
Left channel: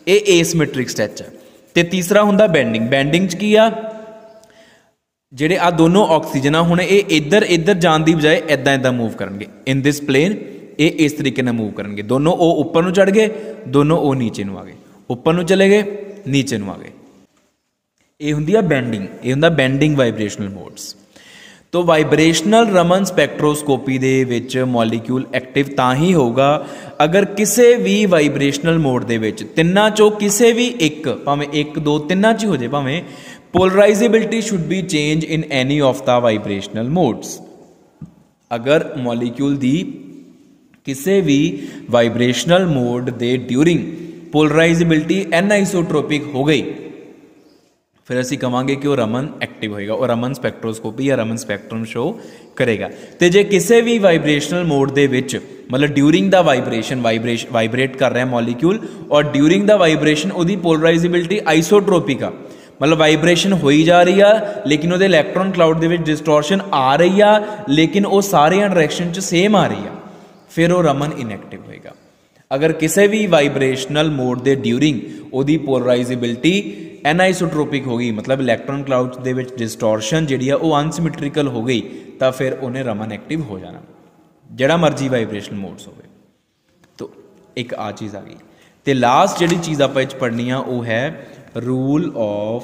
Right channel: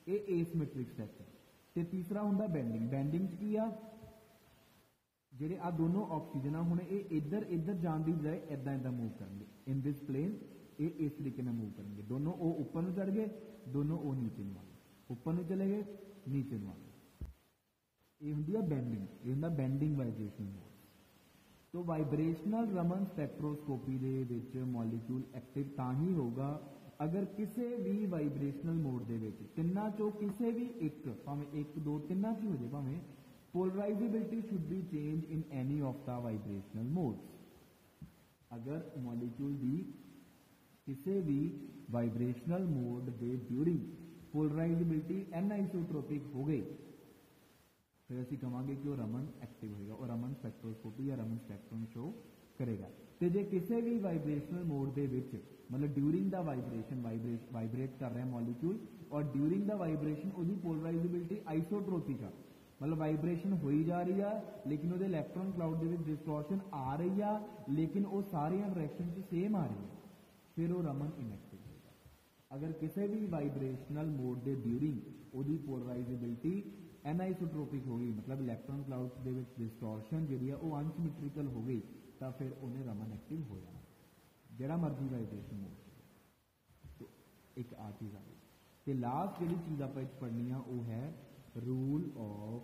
ਇਹ ਏਸਿਮੈਟ੍ਰਿਕ ਸਟ੍ਰੈਚ ਹੈ। ਤੇ ਤੀਸਰਾ ਹੁੰਦਾ ਬੈਂਡਿੰਗ। ਬੈਂਡਿੰਗ 'ਚ ਕੀ ਆ ਜਿਹੜੇ ਆ ਦੋਨੋਂ ਆਕਸੀਜਨ ਆ ਹੁਣ ਇਹ ਇੱਧਰ ਜਾਣ ਦੀ ਬਜਾਏ ਇੱਦਾਂ ਇੱਦਾਂ ਮੂਵ ਕਰਨਗੇ। ਇਨ ਦਿਸ ਪਲੇਨ ਇਹ ਇਸ ਤਰੀਕੇ ਨਾਲ ਮੂਵ ਕਰਨਗੇ। ਦੋਨੋਂ ਉਹ ਉੱਪਰ ਨੂੰ ਚੜ੍ਹ ਗਏ, ਦੋਨੋਂ ਉਹ ਨੀਚੇ ਨੂੰ ਆ ਗਏ, ਉੱਪਰ ਨੂੰ ਚਲੇ ਗਏ ਨੀਚੇ ਨੂੰ ਆ ਗਏ। ਇਹ ਹੁੰਦੀ ਆ ਬੈਂਡਿੰਗ। ਇਹ ਹੁੰਦਾ ਬੈਂਡਿੰਗ ਵਾਈਬ੍ਰੇਸ਼ਨਲ ਮੋਡਸ। तो वाइब्रेशनल रमन स्पैक्ट्रोस्कोपी दे विच मॉलीक्यूल एक्टिव तां ही होगा अगर किसी भी वाइब्रेशनल मोड दे विच तिन्नां चों किसी भी एक भावें 1 2 तिन्नां च हो जाए भावें polarisability should be change in any of the vibrational modes. अगर मॉलीक्यूल दी किसी भी वाइब्रेशनल मोड दे ड्यूरिंग पोलराइजेबिलिटी एनाइसोट्रोपिक हो गई फिर असी कहांगे कि वह रमन एक्टिव होएगा और रमन स्पैक्ट्रोस्कोपी या रमन स्पैक्ट्रम शो करेगा। तो जे किसी भी वाइब्रेशनल मोड दे विच मतलब ड्यूरिंग द वाइब्रेशन वाइब्रेट कर रहा है मॉलीक्यूल और ड्यूरिंग द वाइब्रेशन उसकी पोलराइजेबिलिटी आइसोट्रोपिक आ मतलब वाइब्रेशन हो ही जा रही है लेकिन वो इलैक्ट्रॉन क्लाउड के डिस्टॉर्शन आ रही है लेकिन वो सारे डायरैक्शन च सेम आ रही है फिर वो रमन इनएक्टिव होएगा। अगर किसी भी वाइब्रेशनल मोड के ड्यूरिंग वो पोलराइजेबिलिटी एनाइसोट्रोपिक हो गई मतलब इलैक्ट्रॉन क्लाउड के डिस्टॉर्शन जी अनसिमैट्रिकल हो गई तो फिर उन्हें रमन एक्टिव हो जाना जड़ा मर्जी वाइब्रेशनल मोड्स हो। तो एक आ चीज़ आ गई। तो लास्ट जिहड़ी चीज़ आपां इह 'च पढ़नी आ वो है rule of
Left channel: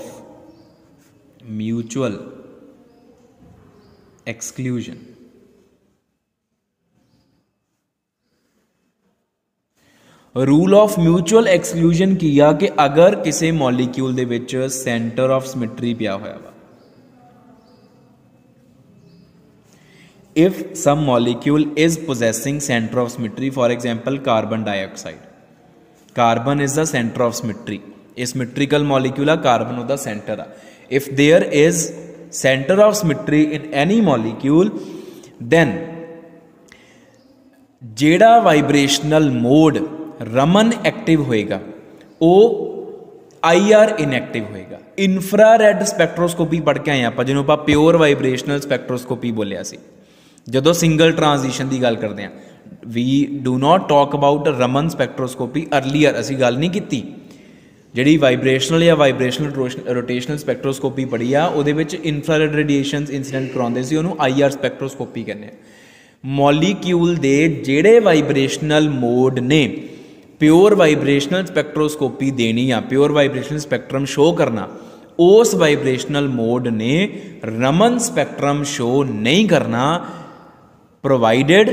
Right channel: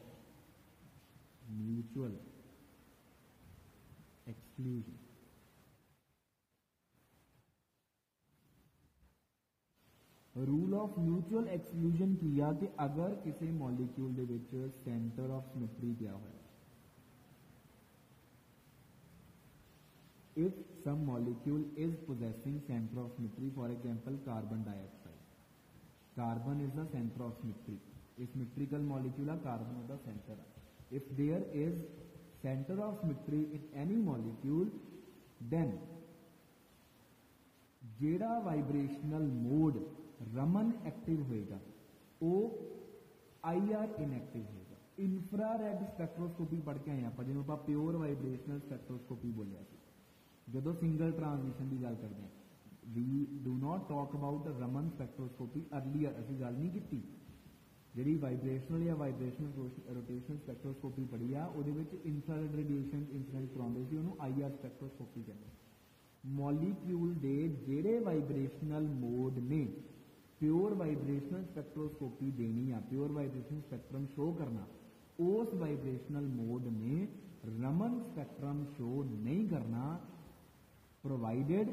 mutual exclusion. Rule of mutual exclusion की आ कि अगर किसी मॉलीक्यूल दे विच सेंटर ऑफ सिमेट्री पिया होया वा, if some molecule is possessing centre of symmetry, for example carbon dioxide, carbon is the centre of symmetry, a symmetrical molecule आ, कार्बन उहदा सेंटर आ। If there is centre of symmetry in any molecule, then जेड़ा vibrational mode Raman active होएगा वो IR inactive होएगा। इनफ्रारैड स्पैक्ट्रोस्कोपी पढ़ के आए आप, जिन्होंने आप प्योर वाइब्रेशनल स्पैक्ट्रोस्कोपी बोलिया सी जदों सिंगल ट्रांजिशन की गल करते हैं। We do not talk about Raman spectroscopy earlier, असी गल नहीं की। जी वाइब्रेशनल या वाइब्रेशनल रोटेशनल स्पैक्ट्रोस्कोपी पढ़ी आ, उहदे विच इनफ्रारैड रेडिएशन इंसीडेंट कराउंदे सी, उहनूं IR स्पैक्ट्रोस्कोपी कहते हैं। मॉलीक्यूल दे जेड़े वाइब्रेशनल मोड ने प्योर वाइब्रेशनल स्पैक्ट्रोस्कोपी देनी आ, प्योर वाइब्रेशनल स्पैक्ट्रम शो करना, उस वाइब्रेशनल मोड ने रमन स्पैक्ट्रम शो नहीं करना, प्रोवाइडेड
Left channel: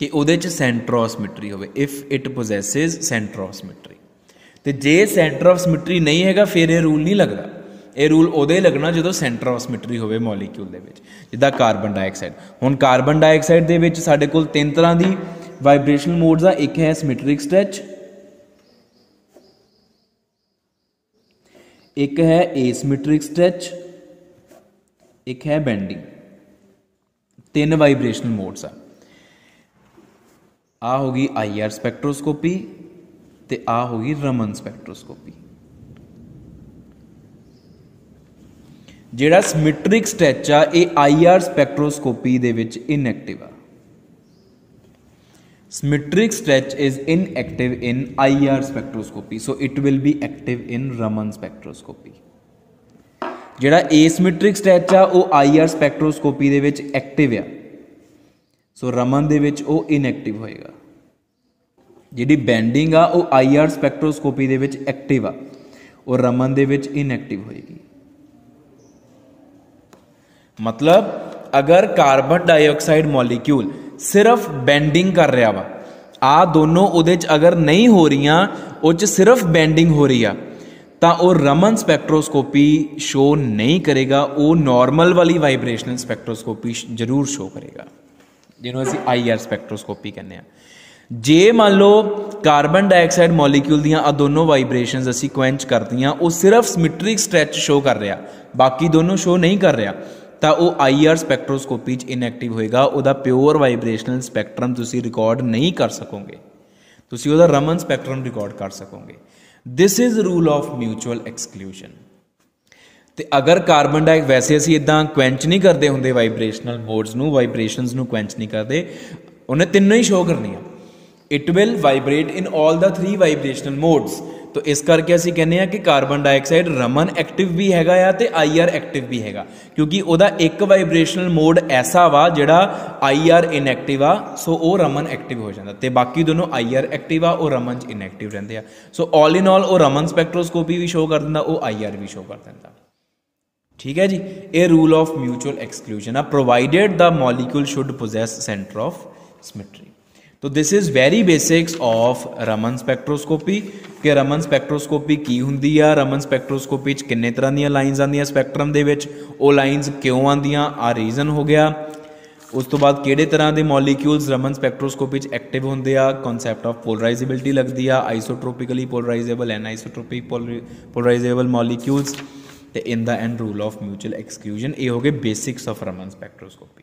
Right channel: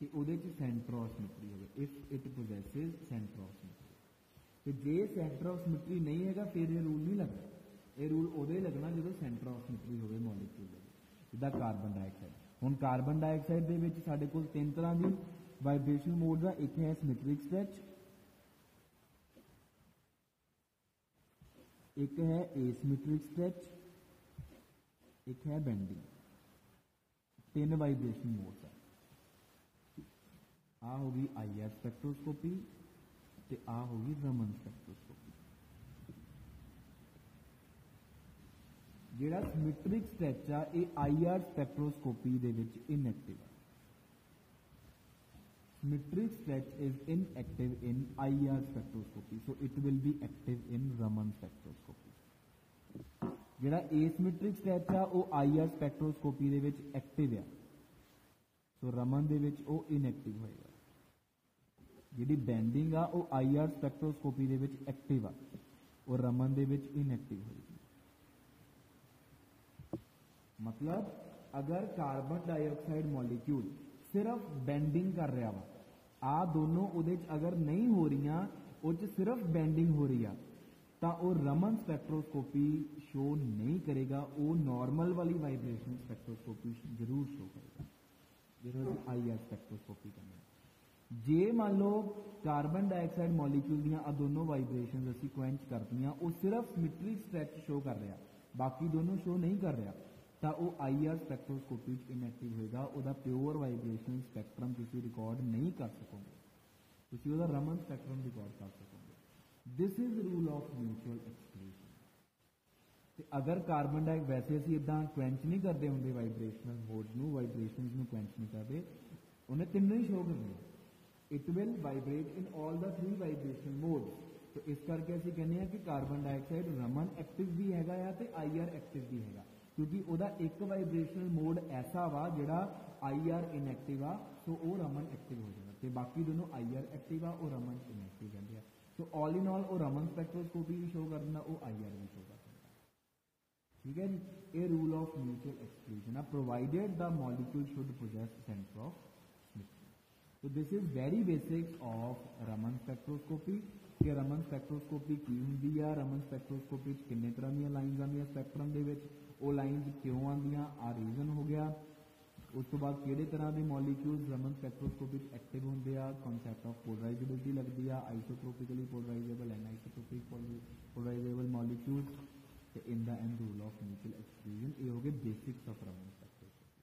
कि उहदे च सेंटर ऑफ सिमेट्री होवे, if it possesses centre of symmetry. तो जे सेंटर ऑफ सिमेट्री नहीं हैगा फिर ये रूल नहीं लगता। ये रूल उदे लगना जो सेंटर ऑफ सिमेट्री होवे मॉलीक्यूल दे विच, जिद्दां कार्बन डाइऑक्साइड। हुण कार्बन डाइऑक्साइड दे विच साडे कोल 3 तरह दी वाइब्रेशनल मोड्स आ। एक है सिमेट्रिक स्ट्रैच, एक है एसिमेट्रिक स्ट्रैच, एक है बेंडिंग। 3 वाइब्रेशनल मोड्स आ होगी IR स्पैक्ट्रोस्कोपी ते आ होगी रमन स्पैक्ट्रोस्कोपी। जिहड़ा सिमेट्रिक स्ट्रैच आ ये IR स्पैक्ट्रोस्कोपी दे विच इनएक्टिव आ। Symmetric stretch is inactive in IR spectroscopy, so it will be active in Raman spectroscopy. जिहड़ा asymmetric stretch आ वो IR spectroscopy दे विच active आ, so Raman दे विच वो inactive होएगा। जिहड़ी bending आ वो IR spectroscopy दे विच active आ और Raman दे विच inactive होएगी। मतलब अगर कार्बन डाइऑक्साइड मॉलीक्यूल सिर्फ बेंडिंग कर रहा वा, आ दोनों उहदे च अगर नहीं हो रही, उस च सिर्फ बेंडिंग हो रही आ, तो वह रमन स्पैक्ट्रोस्कोपी शो नहीं करेगा, वो नॉर्मल वाली वाइब्रेशनल स्पैक्ट्रोस्कोपी जरूर शो करेगा, जिन्होंने असीं IR स्पैक्ट्रोस्कोपी कहने। जे मान लो कार्बन डाइऑक्साइड मॉलीक्यूल दियां आ दोनों वाइब्रेशनस असीं क्वेंच कर दियां, वो सिर्फ सिमेट्रिक स्ट्रैच शो कर रहा, बाकी दोनों शो नहीं कर रहा, तो वह IR स्पैक्ट्रोस्कोपी इनएक्टिव होएगा। उहदा प्योर वाइब्रेशनल स्पैक्ट्रम तुसीं रिकॉर्ड नहीं कर सकोगे, तुसीं उहदा रमन स्पैक्ट्रम रिकॉर्ड कर सकोगे। This is rule of mutual exclusion. तो अगर कार्बन डाइऑक्साइड वैसे असीं इदां क्वेंच नहीं करते होंगे वाइब्रेशनल मोड्स नूं, वाइब्रेशनस नूं क्वेंच नहीं करते, उन्हें तीनों ही शो करनी। It will vibrate in all the 3 vibrational modes. तो इस करके असीं कहने हैं कि कार्बन डाइऑक्साइड रमन एक्टिव भी हैगा या ते IR एक्टिव भी हैगा, क्योंकि उहदा एक वाइब्रेशनल मोड ऐसा वा जिहड़ा IR इनएक्टिव आ, सो वो रमन एक्टिव हो जाता, ते बाकी दोनों IR एक्टिव आ और रमन इनएक्टिव रहंदे आ। सो ऑल इन ऑल वो रमन स्पैक्ट्रोस्कोपी भी शो कर दिंदा, वो IR भी शो कर दिंदा। ठीक है जी, ये रूल ऑफ म्यूचुअल एक्सक्लूजन आ, provided the molecule should possess centre of symmetry. तो this is very basics of Raman spectroscopy कि रमन स्पैक्ट्रोस्कोपी की हुंदी आ, रमन स्पैक्ट्रोस्कोपी किन्ने तरह दी लाइन्स आंदियां स्पैक्ट्रम दे विच, वो लाइन्स क्यों आंदियां, आ रीजन हो गया। उस तो बाद किहड़े तरह के मॉलीक्यूल्स रमन स्पैक्ट्रोस्कोपी एक्टिव होंदे आ, कॉन्सैप्ट ऑफ पोलराइजेबिलिटी लगदी आ, आइसोट्रोपिकली पोलराइजेबल एंड आइसोट्रोपिक पोलराइजेबल मॉलीक्यूल्स, ते in the end rule of mutual exclusion. ये हो गए बेसिक्स ऑफ रमन स्पैक्ट्रोस्कोपी।